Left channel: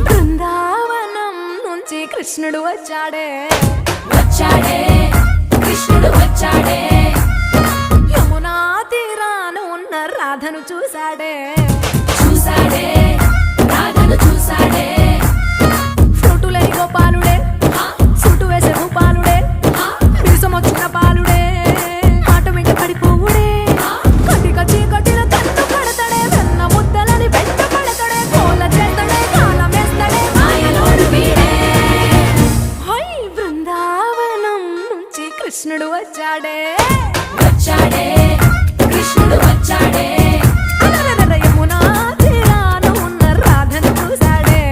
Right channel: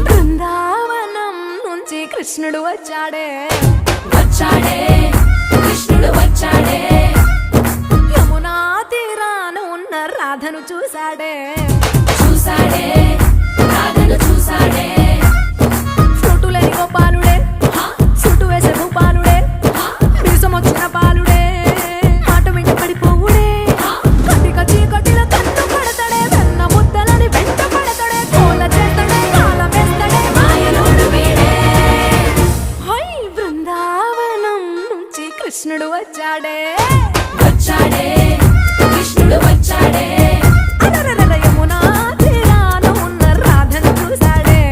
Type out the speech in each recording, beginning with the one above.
బృందావనం నుంచి కృష్ణుడు వచ్చాడే కృష్ణుడు వచ్చాడే యమునా తీరాన ఉన్న రాధను చూశాడే రాధను చూసాడే ఫ్లూటులని గోపాలుడే సుటు వేసే భూపాలుడే మీసమొచ్చిన పాలుడే మాట వెంట పడిపోవుడే కటిక చీకటిల కన్ను కడతాడే వెన్న ముద్దలని వెంట పడతాడే కోల చేస్తాడే కాలం వేస్తాడే మాయలోడు వీడే హై బృందావనం నుంచి కృష్ణుడు వచ్చాడే కృష్ణుడు వచ్చాడే అలరర యమునా తీరాన ఉన్న రాధను చూశాడే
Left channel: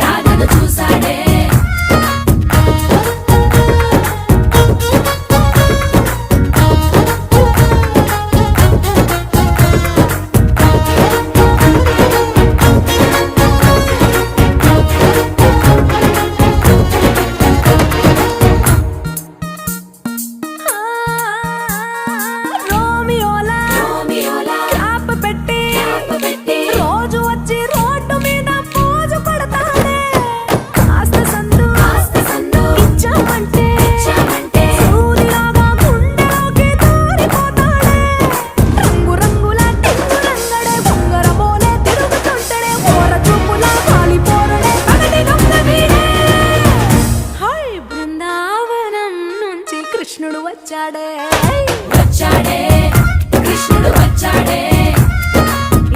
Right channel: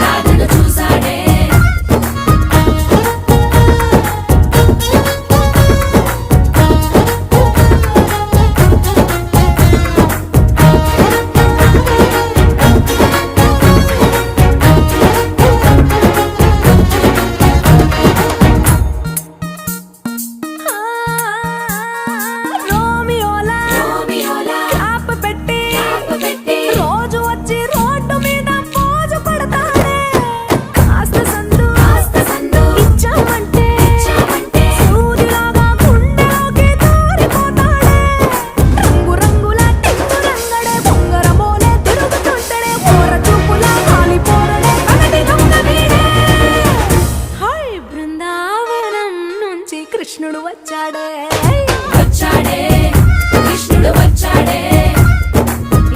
రాధను చూసాడే ఆ, రోమియోలా క్యాప్ పెట్టి రోజు వచ్చి రోడ్డు మీద పోజు కొడతాడే కాస్త సందు ఇచ్చామంటే సూదిలాగా గుండెలోకి దూరిపోతాడే రంగు రంగుల టింగు రంగడే బొంగరమోలే తిరుగుతుంటాడే పోర చూపులా కాలిపోరడే పగటి దొంగ వీడే హై బృందావనం నుంచి కృష్ణుడు వచ్చాడే కృష్ణుడు వచ్చాడే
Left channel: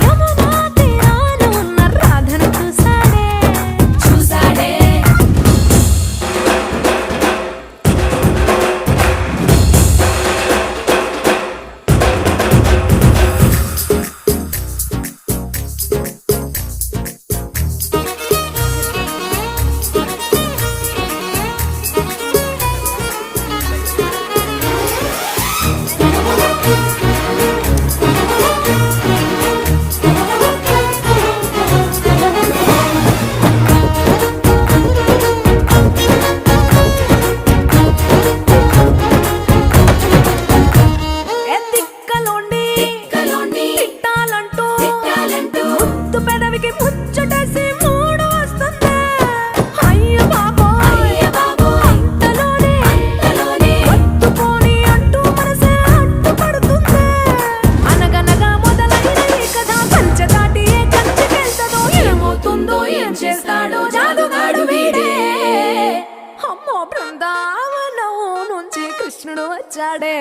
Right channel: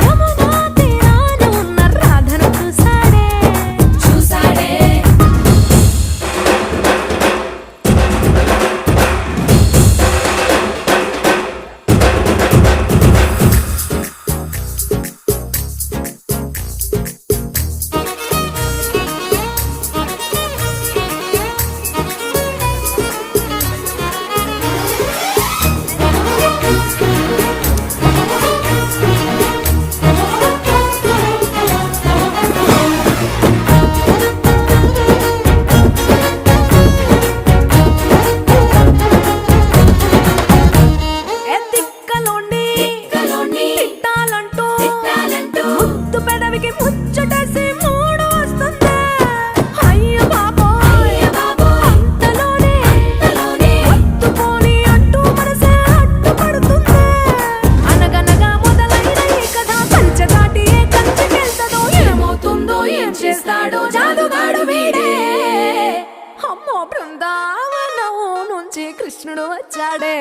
యమునా తీరాన ఉన్న రాధను చూశాడే ఏ దిక్కలోండి తిట్టాలంటూ ముద్దు పెదవికి ముచ్చటేసి మూడు వస్తుంది అయ్య బాబోయ్ అంతలోనే ఒత్తుపోని అంటూ మనసే అడ్డుపడుతుంది అనగనగా మొదలైన ఈ కథ కంచె దాటి ఏ కంచెకెళ్తదో ఏమవుతుందో ఏం చేస్తాడో జాదుగాడు వీడే అమ్మో బృందావనం నుంచి కృష్ణుడు వచ్చాడే